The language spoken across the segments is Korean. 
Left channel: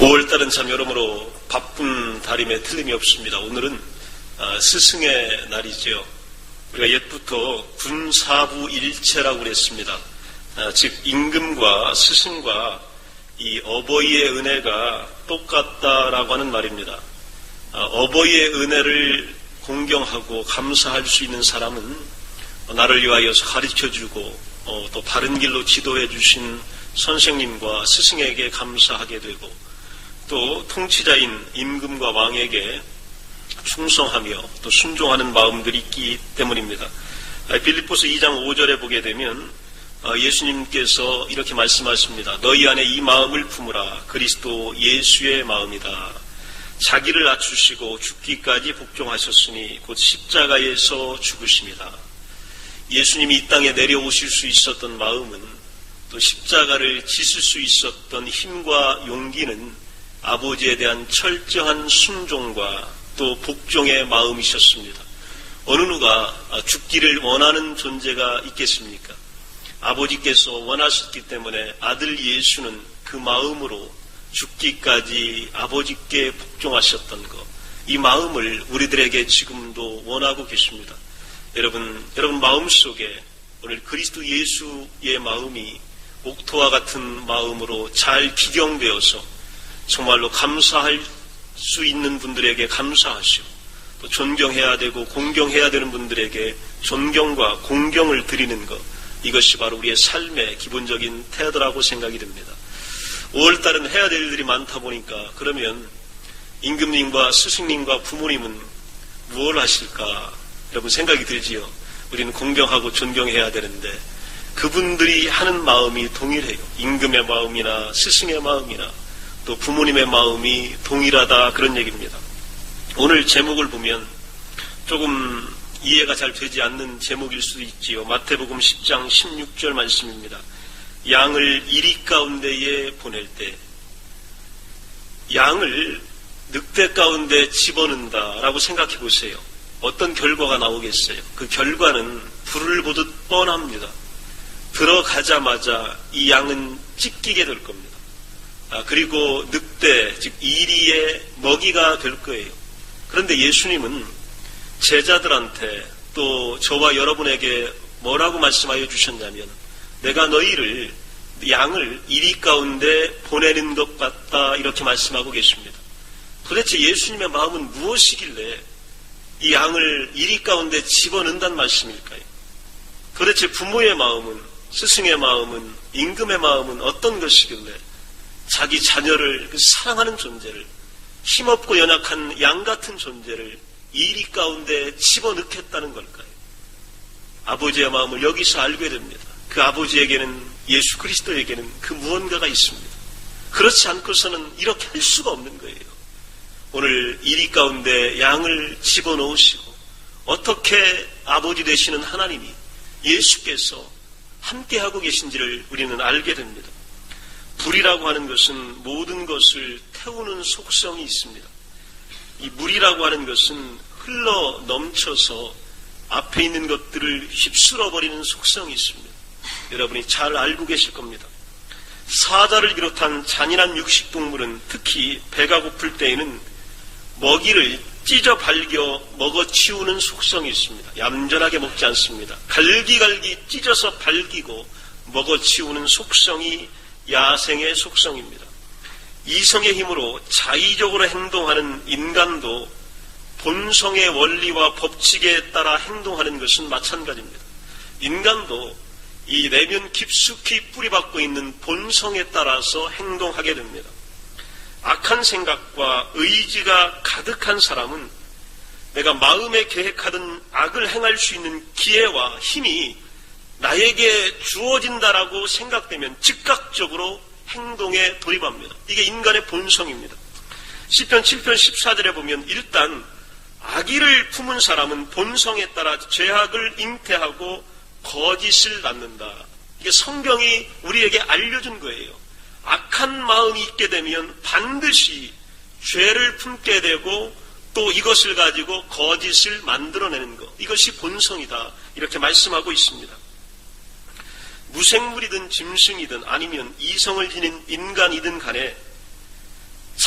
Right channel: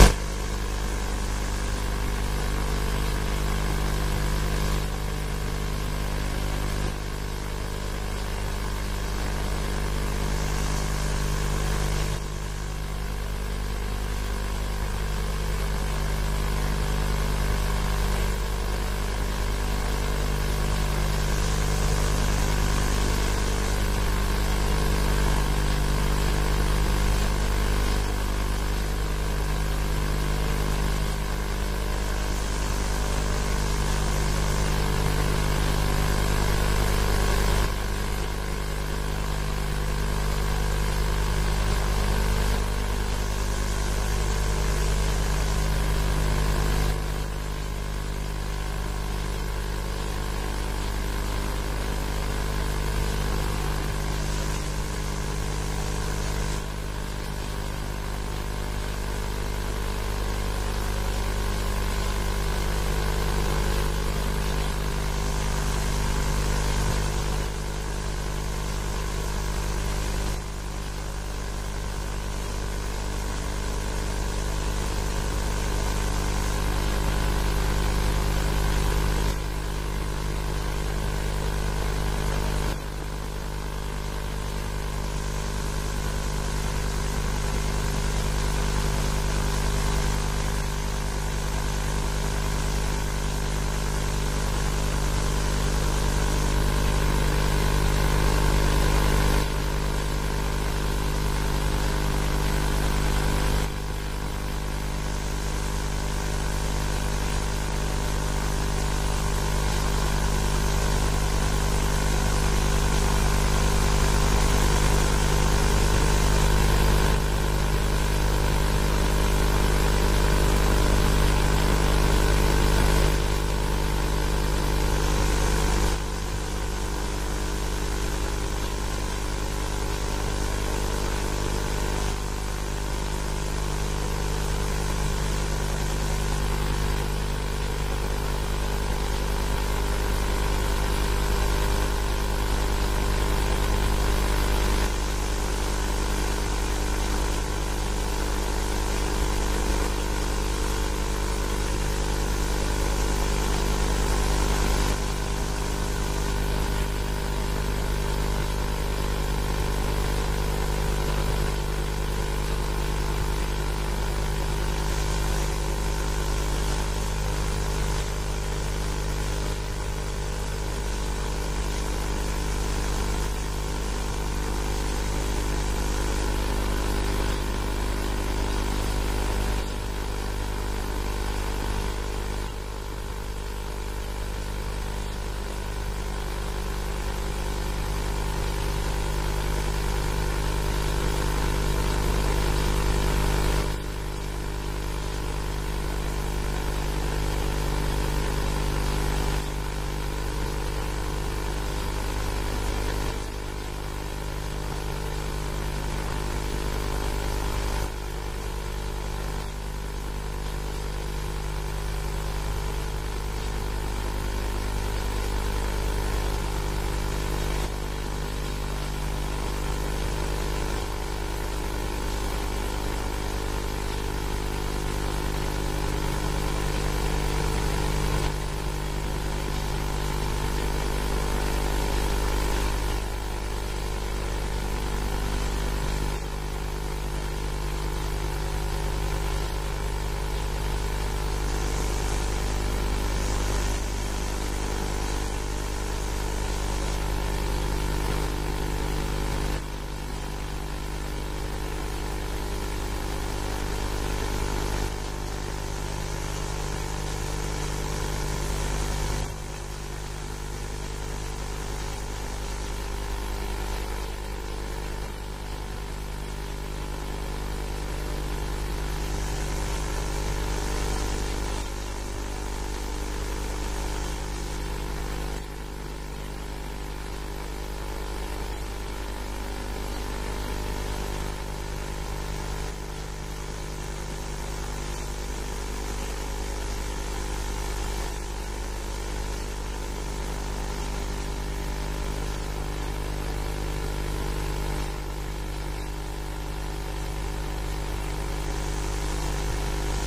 5월달은 참 여러모로 바쁜 달임에 틀림이 없습니다. 오늘은 스승의 날이지요. 우리가 옛부터 군사부일체라고 그랬습니다. 즉 임금과 스승과 이 어버이의 은혜가 똑같다라고 하는 말입니다. 어버이의 은혜를 공경하고 감사할 수 있는 사람은 나를 위하여서 가르쳐주고 또 바른 길로 지도해 주신 선생님과 스승에게 감사하게 되고, 또 통치자인 임금과 왕에게 충성하며 또 순종하는 마음들이 있기 때문입니다. 빌립보서 2장 5절에 보게 되면 예수님께서 이렇게 말씀하십니다. 너희 안에 이 마음을 품으라. 그리스도 예수의 마음이다. 자기를 낮추시고 죽기까지 복종하셨으니 곧 십자가에서 죽으십니다. 예수님이 이 땅에 내려오실 수 있었던 마음은, 또 십자가를 지실 수 있었던 힘과 용기는 아버지에 대한 철저한 순종과 또 복종의 마음이셨습니다. 어느 누가 죽기를 원하는 존재가 있겠습니까? 아버지께서 원하셨기 때문에 아들 예수는 그 마음으로 죽기까지 아버지께 복종하셨던 것, 이 마음을 우리들에게 지금도 원하고 계십니다. 여러분 마음속에 오늘 그리스도 예수의 마음이 목토와 같은 마음으로 잘 기경되어서 정말로 감사할 수 있는 분들에게 감사하시고, 존경해야 되고 공경해야 되는 분들에게 존경과 공경을 드리는 것, 이것이 바로 우리의 삶의 기본적인 태도라고 생각이 됩니다. 5월달은 해야 될 일들이 많다 보니까, 그러면 임금님과 스승님과 부모님은 뭘 하실까? 여러분 생각이 들지요. 우리는 공경하고 존경해야 되는데 그분들이 하는 마음이 동일해요. 임금의 마음이나 스승의 마음이나 또 부모님의 마음이 동일하다, 그런 얘기입니다. 오늘 제목을 보면 조금 이해가 잘 되지 않는 제목일 수도 있지요. 마태복음 10장 16절 말씀입니다. 양을 이리 가운데에 보낼 때, 양을 늑대 가운데 집어넣는다라고 생각해 보세요. 어떤 결과가 나오겠어요? 그 결과는 불을 보듯 뻔합니다. 들어가자마자 이 양은 찢기게 될 겁니다. 그리고 늑대, 즉 이리의 먹이가 될 거예요. 그런데 예수님은 제자들한테 또 저와 여러분에게 뭐라고 말씀하여 주셨냐면, 내가 너희를 양을 이리 가운데 보내는 것 같다, 이렇게 말씀하고 계십니다. 도대체 예수님의 마음은 무엇이길래 이 양을 이리 가운데 집어넣는다는 말씀일까요? 도대체 부모의 마음은, 스승의 마음은, 임금의 마음은 어떤 것이길래 자기 자녀를 사랑하는 존재를, 힘없고 연약한 양 같은 존재를 이리 가운데 집어넣겠다는 걸까요? 아버지의 마음을 여기서 알게 됩니다. 그 아버지에게는, 예수 그리스도에게는 그 무언가가 있습니다. 그렇지 않고서는 이렇게 할 수가 없는 거예요. 오늘 이리 가운데 양을 집어넣으시고, 어떻게 아버지 되시는 하나님이, 예수께서 함께하고 계신지를 우리는 알게 됩니다. 불이라고 하는 것은 모든 것을 태우는 속성이 있습니다. 이 물이라고 하는 것은 흘러 넘쳐서 앞에 있는 것들을 휩쓸어버리는 속성이 있습니다. 여러분이 잘 알고 계실 겁니다. 사자를 비롯한 잔인한 육식동물은 특히 배가 고플 때에는 먹이를 찢어 발겨 먹어치우는 속성이 있습니다. 얌전하게 먹지 않습니다. 갈기갈기 찢어서 발기고 먹어치우는 속성이 야생의 속성입니다. 이성의 힘으로 자의적으로 행동하는 인간도 본성의 원리와 법칙에 따라 행동하는 것은 마찬가지입니다. 인간도 이 내면 깊숙이 뿌리박고 있는 본성에 따라서 행동하게 됩니다. 악한 생각과 의지가 가득한 사람은 내가 마음에 계획하던 악을 행할 수 있는 기회와 힘이 나에게 주어진다라고 생각되면 즉각적으로 행동에 돌입합니다. 이게 인간의 본성입니다. 시편 7편 14절에 보면, 일단 악의를 품은 사람은 본성에 따라 죄악을 잉태하고 거짓을 낳는다. 이게 성경이 우리에게 알려준 거예요. 악한 마음이 있게 되면 반드시 죄를 품게 되고, 또 이것을 가지고 거짓을 만들어내는 것, 이것이 본성이다, 이렇게 말씀하고 있습니다. 무생물이든 짐승이든 아니면 이성을 지닌 인간이든 간에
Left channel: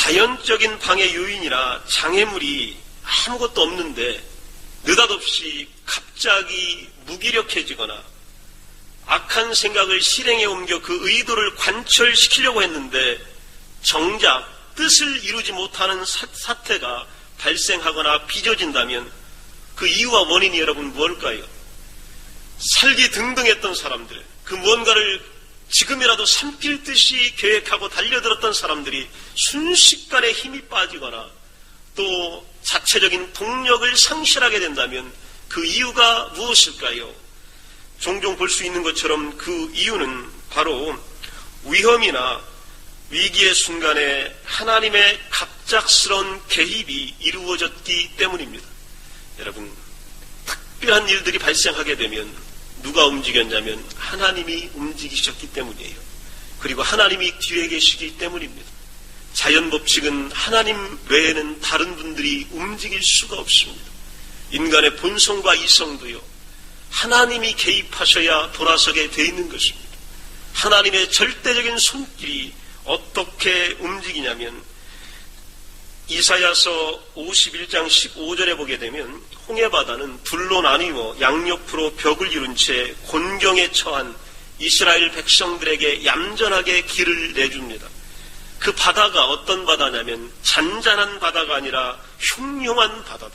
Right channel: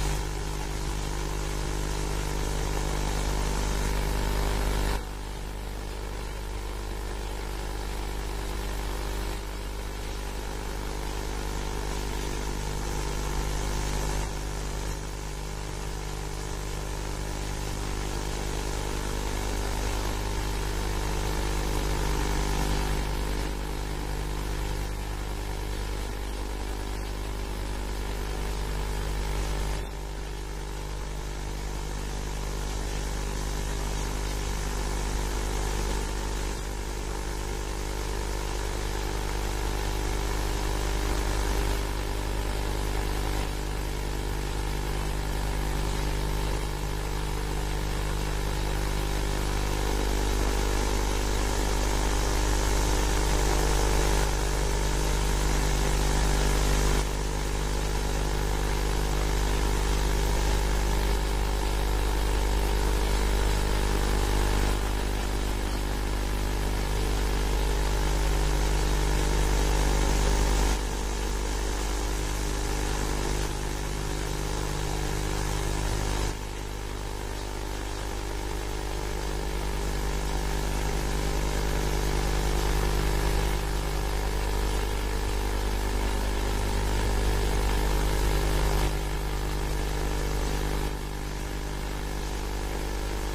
자연적인 방해 요인이나 장애물이 아무것도 없는데 느닷없이 갑자기 무기력해지거나 악한 생각을 실행에 옮겨 그 의도를 관철시키려고 했는데 정작 뜻을 이루지 못하는 사태가 발생하거나 빚어진다면 그 이유와 원인이 여러분 뭘까요? 살기 등등했던 사람들, 그 무언가를 지금이라도 삼킬 듯이 계획하고 달려들었던 사람들이 순식간에 힘이 빠지거나 또 자체적인 동력을 상실하게 된다면 그 이유가 무엇일까요? 종종 볼 수 있는 것처럼 그 이유는 바로 위험이나 위기의 순간에 하나님의 갑작스러운 개입이 이루어졌기 때문입니다. 여러분, 특별한 일들이 발생하게 되면 누가 움직였냐면 하나님이 움직이셨기 때문이에요. 그리고 하나님이 뒤에 계시기 때문입니다. 자연 법칙은 하나님 외에는 다른 분들이 움직일 수가 없습니다. 인간의 본성과 이성도요, 하나님이 개입하셔야 돌아서게 돼 있는 것입니다. 하나님의 절대적인 손길이 어떻게 움직이냐면 이사야서 51장 15절에 보게 되면 홍해바다는 둘로 나뉘어 양옆으로 벽을 이룬 채 곤경에 처한 이스라엘 백성들에게 얌전하게 길을 내줍니다. 그 바다가 어떤 바다냐면 잔잔한 바다가 아니라 흉흉한 바다다.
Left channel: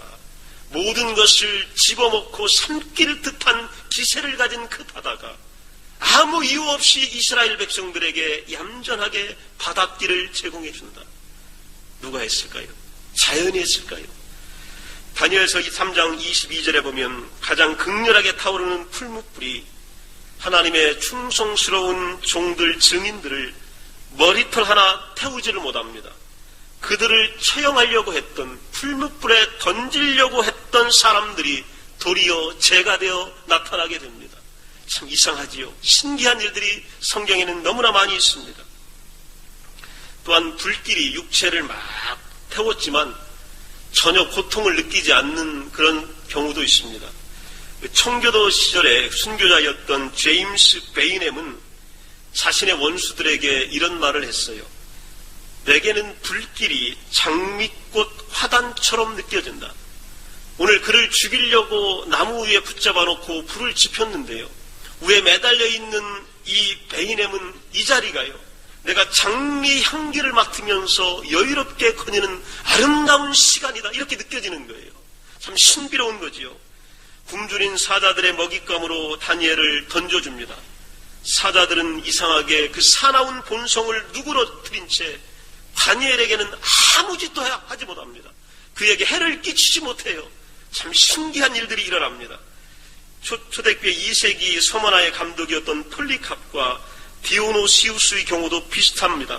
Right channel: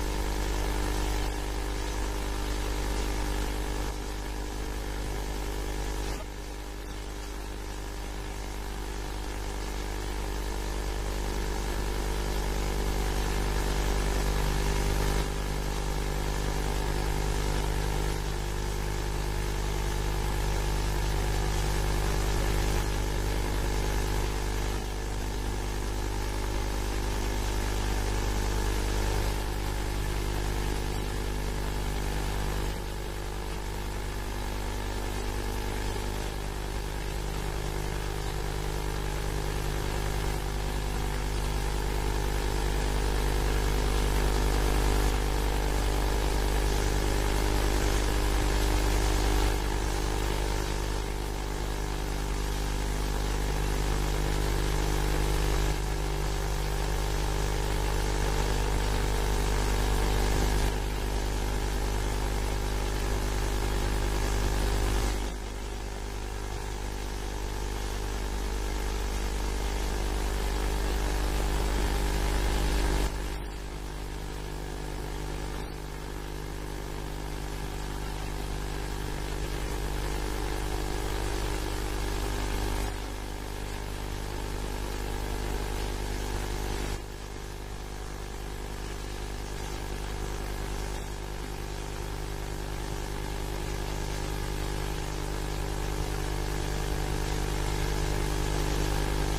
모든 것을 집어먹고 삼킬 듯한 기세를 가진 그 바다가 아무 이유 없이 이스라엘 백성들에게 얌전하게 바닷길을 제공해 준다. 누가 했을까요? 자연이 했을까요? 다니엘서 3장 22절에 보면 가장 극렬하게 타오르는 풀무불이 하나님의 충성스러운 종들 증인들을 머리털 하나 태우지를 못합니다. 그들을 처형하려고 했던, 풀무불에 던지려고 했던 사람들이 도리어 재가 되어 나타나게 됩니다. 참 이상하지요. 신기한 일들이 성경에는 너무나 많이 있습니다. 또한 불길이 육체를 막 태웠지만 전혀 고통을 느끼지 않는 그런 경우도 있습니다. 청교도 시절에 순교자였던 제임스 베이넴은 자신의 원수들에게 이런 말을 했어요. 내게는 불길이 장미꽃 화단처럼 느껴진다. 오늘 그를 죽이려고 나무 위에 붙잡아 놓고 불을 지폈는데요, 위에 매달려 있는 이 베이넴은 이 자리가요, 내가 장미 향기를 맡으면서 여유롭게 거니는 아름다운 시간이다, 이렇게 느껴지는 거예요. 참 신비로운 거지요. 굶주린 사자들의 먹잇감으로 다니엘을 던져줍니다. 사자들은 이상하게 그 사나운 본성을 누그러뜨린 채 다니엘에게는 아무 짓도 하지 못합니다. 그에게 해를 끼치지 못해요. 참 신기한 일들이 일어납니다. 초대교회 2세기 서머나의 감독이었던 폴리캅과 디오노시우스의 경우도 비슷합니다.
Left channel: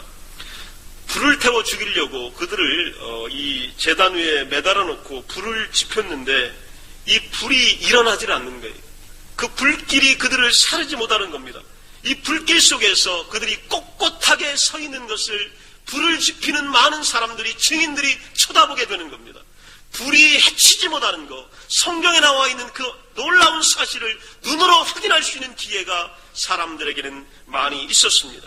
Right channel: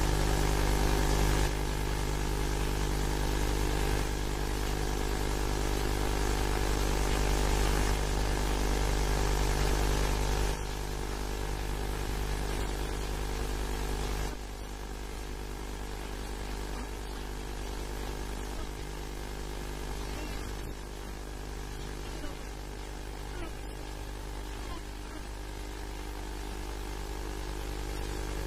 불을 태워 죽이려고 그들을 이 제단 위에 매달아 놓고 불을 지폈는데 이 불이 일어나질 않는 거예요. 그 불길이 그들을 사르지 못하는 겁니다. 이 불길 속에서 그들이 꼿꼿하게 서 있는 것을 불을 지피는 많은 사람들이, 증인들이 쳐다보게 되는 겁니다. 불이 해치지 못하는 것, 성경에 나와 있는 그 놀라운 사실을 눈으로 확인할 수 있는 기회가 사람들에게는 많이 있었습니다.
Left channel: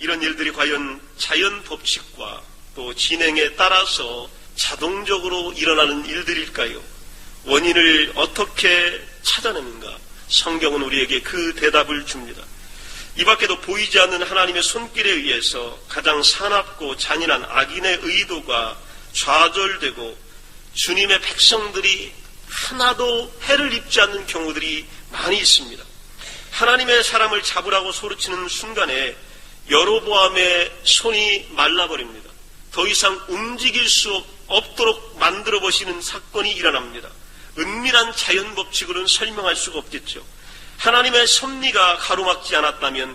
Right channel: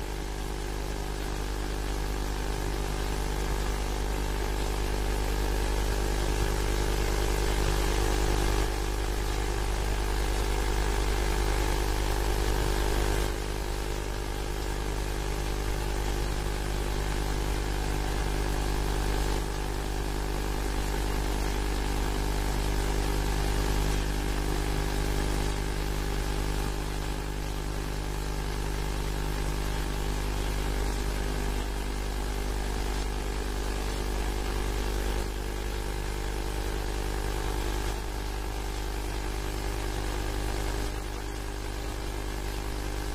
이런 일들이 과연 자연 법칙과 또 진행에 따라서 자동적으로 일어나는 일들일까요? 원인을 어떻게 찾아내는가? 성경은 우리에게 그 대답을 줍니다. 이 밖에도 보이지 않는 하나님의 손길에 의해서 가장 사납고 잔인한 악인의 의도가 좌절되고 주님의 백성들이 하나도 해를 입지 않는 경우들이 많이 있습니다. 하나님의 사람을 잡으라고 소리치는 순간에 여로보암의 손이 말라버립니다. 더 이상 움직일 수 없도록 만들어 보시는 사건이 일어납니다. 은밀한 자연 법칙으로는 설명할 수가 없겠죠. 하나님의 섭리가 가로막지 않았다면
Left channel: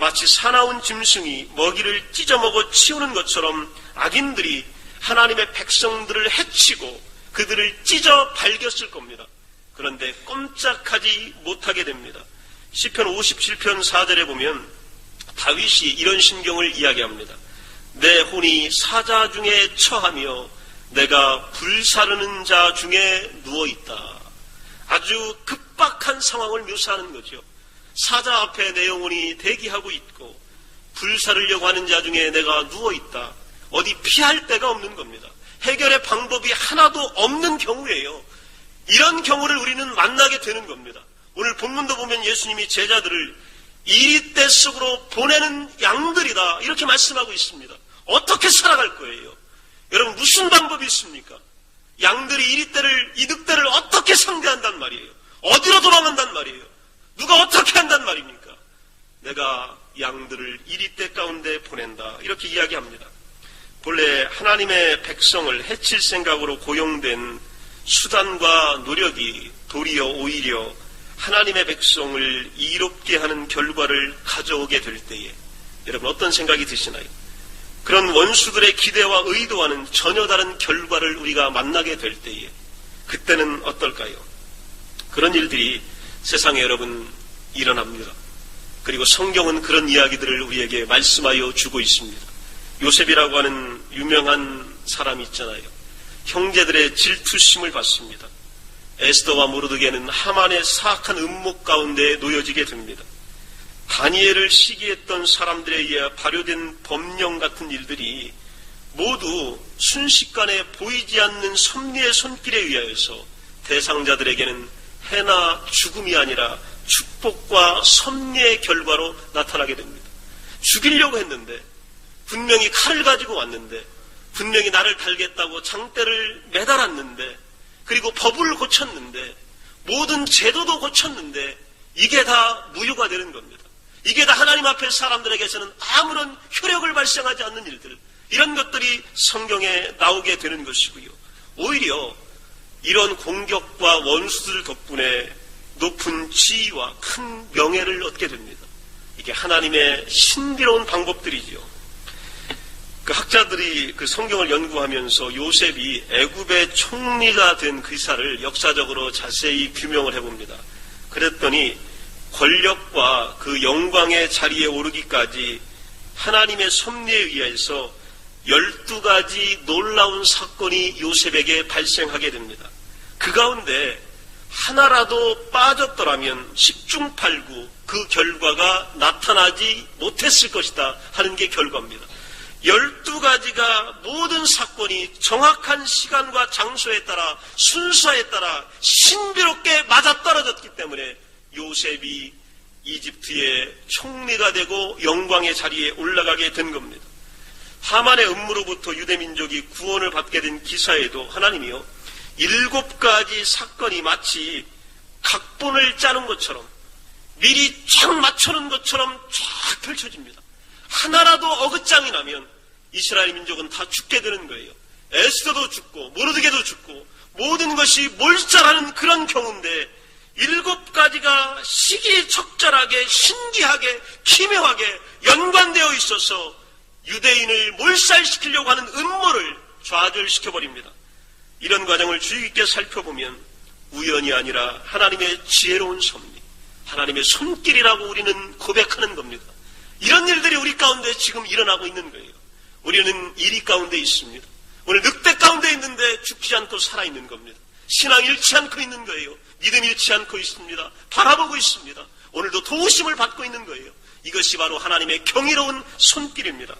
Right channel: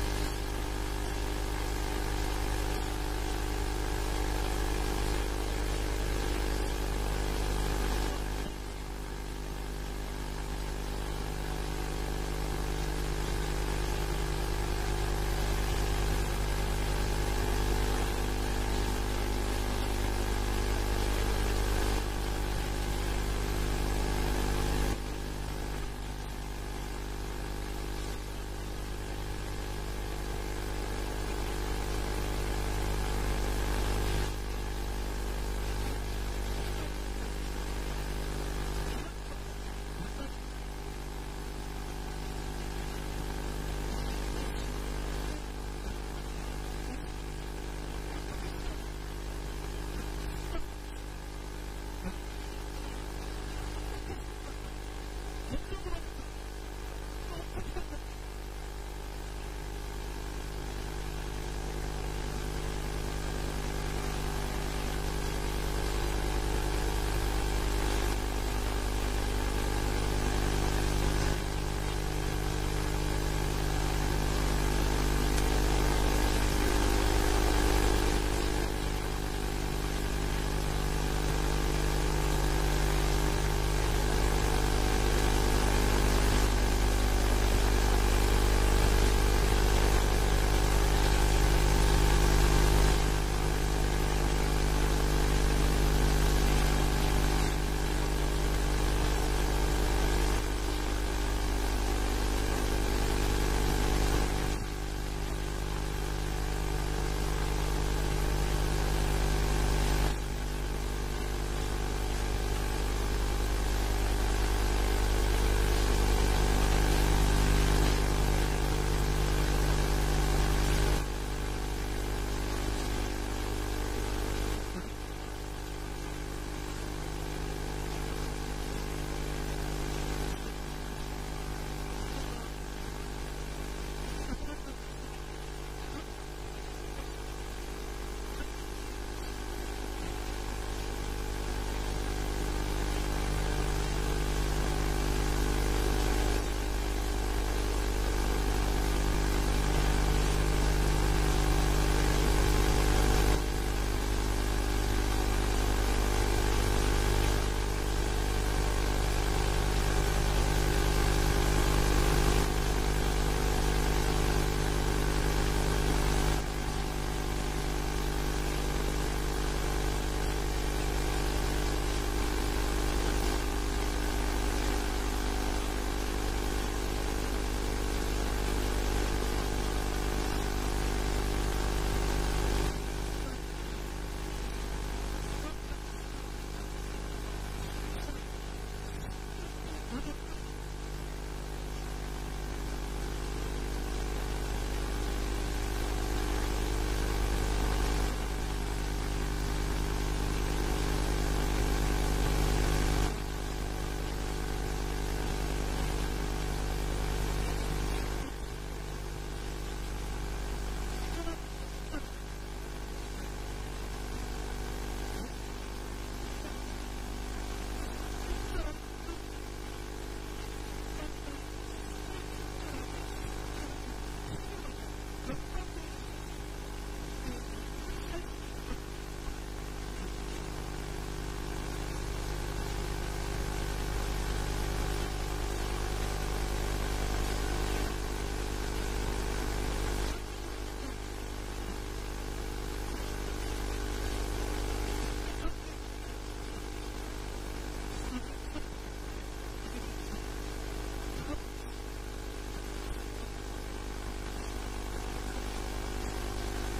마치 사나운 짐승이 먹이를 찢어먹어 치우는 것처럼 악인들이 하나님의 백성들을 해치고 그들을 찢어 발겼을 겁니다. 그런데 꼼짝하지 못하게 됩니다. 시편 57편 4절에 보면 다윗이 이런 심경을 이야기합니다. 내 혼이 사자 중에 처하며 내가 불사르는 자 중에 누워있다. 아주 급박한 상황을 묘사하는 거죠. 사자 앞에 내 영혼이 대기하고 있고 불사르려고 하는 자 중에 내가 누워있다. 어디 피할 데가 없는 겁니다. 해결의 방법이 하나도 없는 경우예요. 이런 경우를 우리는 만나게 되는 겁니다. 오늘 본문도 보면 예수님이 제자들을 이리떼 속으로 보내는 양들이다 이렇게 말씀하고 있습니다. 어떻게 살아갈 거예요? 여러분 무슨 방법이 있습니까? 양들이 이리떼를 이득떼를 어떻게 상대한단 말이에요? 어디로 도망간단 말이에요? 누가 어떻게 한단 말입니까? 내가 양들을 이리떼 가운데 보낸다 이렇게 이야기합니다. 본래 하나님의 백성을 해칠 생각으로 고용된 수단과 노력이 도리어 오히려 하나님의 백성을 이롭게 하는 결과를 가져오게 될 때에 여러분 어떤 생각이 드시나요? 그런 원수들의 기대와 의도와는 전혀 다른 결과를 우리가 만나게 될 때에 그때는 어떨까요? 그런 일들이 세상에 여러분 일어납니다. 그리고 성경은 그런 이야기들을 우리에게 말씀하여 주고 있습니다. 요셉이라고 하는 유명한 사람이 있잖아요. 형제들의 질투심을 받습니다. 에스더와 모르드게는 하만의 사악한 음목 가운데 놓여지게 됩니다. 다니엘을 시기했던 사람들에 의해 발효된 법령 같은 일들이 모두 순식간에 보이지 않는 섭리의 손길에 의하여서 대상자들에게는 해나 죽음이 아니라 축복과 섭리의 결과로 나타나게 됩니다. 죽이려고 했는데 분명히 칼을 가지고 왔는데 분명히 나를 달겠다고 장대를 매달았는데 그리고 법을 고쳤는데 모든 제도도 고쳤는데 이게 다 무효가 되는 겁니다. 이게 다 하나님 앞에 사람들에게서는 아무런 효력을 발생하지 않는 일들 이런 것들이 성경에 나오게 되는 것이고요. 오히려 이런 공격과 원수들 덕분에 높은 지위와 큰 명예를 얻게 됩니다. 이게 하나님의 신비로운 방법들이죠. 그 학자들이 그 성경을 연구하면서 요셉이 애굽의 총리가 된 기사를 역사적으로 자세히 규명을 해봅니다. 그랬더니 권력과 그 영광의 자리에 오르기까지 하나님의 섭리에 의해서 12가지 놀라운 사건이 요셉에게 발생하게 됩니다. 그 가운데 하나라도 빠졌더라면 10중 8구 그 결과가 나타나지 못했을 것이다 하는 게 결과입니다. 12가지가 모든 사건이 정확한 시간과 장소에 따라 순서에 따라 신비롭게 맞아떨어졌기 때문에 요셉이 이집트의 총리가 되고 영광의 자리에 올라가게 된 겁니다. 하만의 음모로부터 유대민족이 구원을 받게 된 기사에도 하나님이요 7가지 사건이 마치 각본을 짜는 것처럼 미리 쫙 맞춰놓은 것처럼 쫙 펼쳐집니다. 하나라도 어긋장이 나면 이스라엘 민족은 다 죽게 되는 거예요. 에스더도 죽고 모르드게도 죽고 모든 것이 몰살하는 그런 경우인데 7가지가 시기적절하게 신기하게 기묘하게 연관되어 있어서 유대인을 몰살시키려고 하는 음모를 좌절시켜버립니다. 이런 과정을 주의 깊게 살펴보면 우연이 아니라 하나님의 지혜로운 섭리, 하나님의 손길이라고 우리는 고백하는 겁니다. 이런 일들이 우리 가운데 지금 일어나고 있는 거예요. 우리는 이리 가운데 있습니다. 오늘 늑대 가운데 있는데 죽지 않고 살아있는 겁니다. 신앙 잃지 않고 있는 거예요. 믿음 잃지 않고 있습니다. 바라보고 있습니다. 오늘도 도우심을 받고 있는 거예요. 이것이 바로 하나님의 경이로운 손길입니다.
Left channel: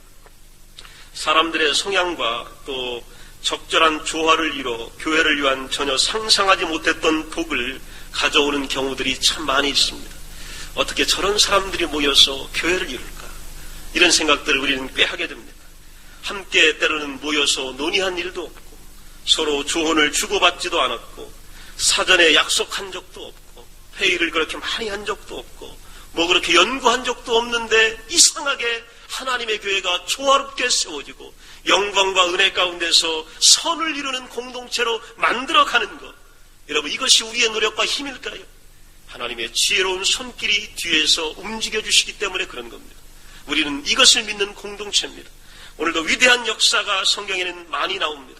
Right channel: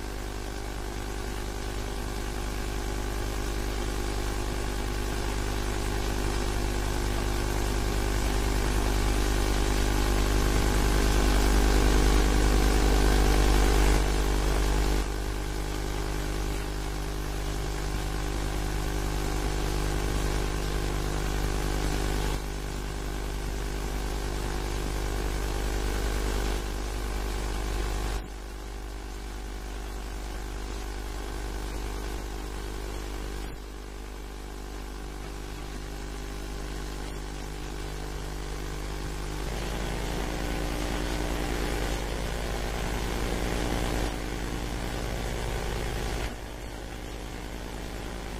사람들의 성향과 또 적절한 조화를 이뤄 교회를 위한 전혀 상상하지 못했던 복을 가져오는 경우들이 참 많이 있습니다. 어떻게 저런 사람들이 모여서 교회를 이룰까? 이런 생각들을 우리는 꽤 하게 됩니다. 함께 때로는 모여서 논의한 일도 서로 조언을 주고받지도 않았고 사전에 약속한 적도 없고 회의를 그렇게 많이 한 적도 없고 뭐 그렇게 연구한 적도 없는데 이상하게 하나님의 교회가 조화롭게 세워지고 영광과 은혜 가운데서 선을 이루는 공동체로 만들어가는 것, 여러분 이것이 우리의 노력과 힘일까요? 하나님의 지혜로운 손길이 뒤에서 움직여주시기 때문에 그런 겁니다. 우리는 이것을 믿는 공동체입니다. 오늘도 위대한 역사가 성경에는 많이 나옵니다.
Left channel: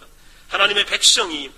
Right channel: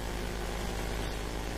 하나님의 백성이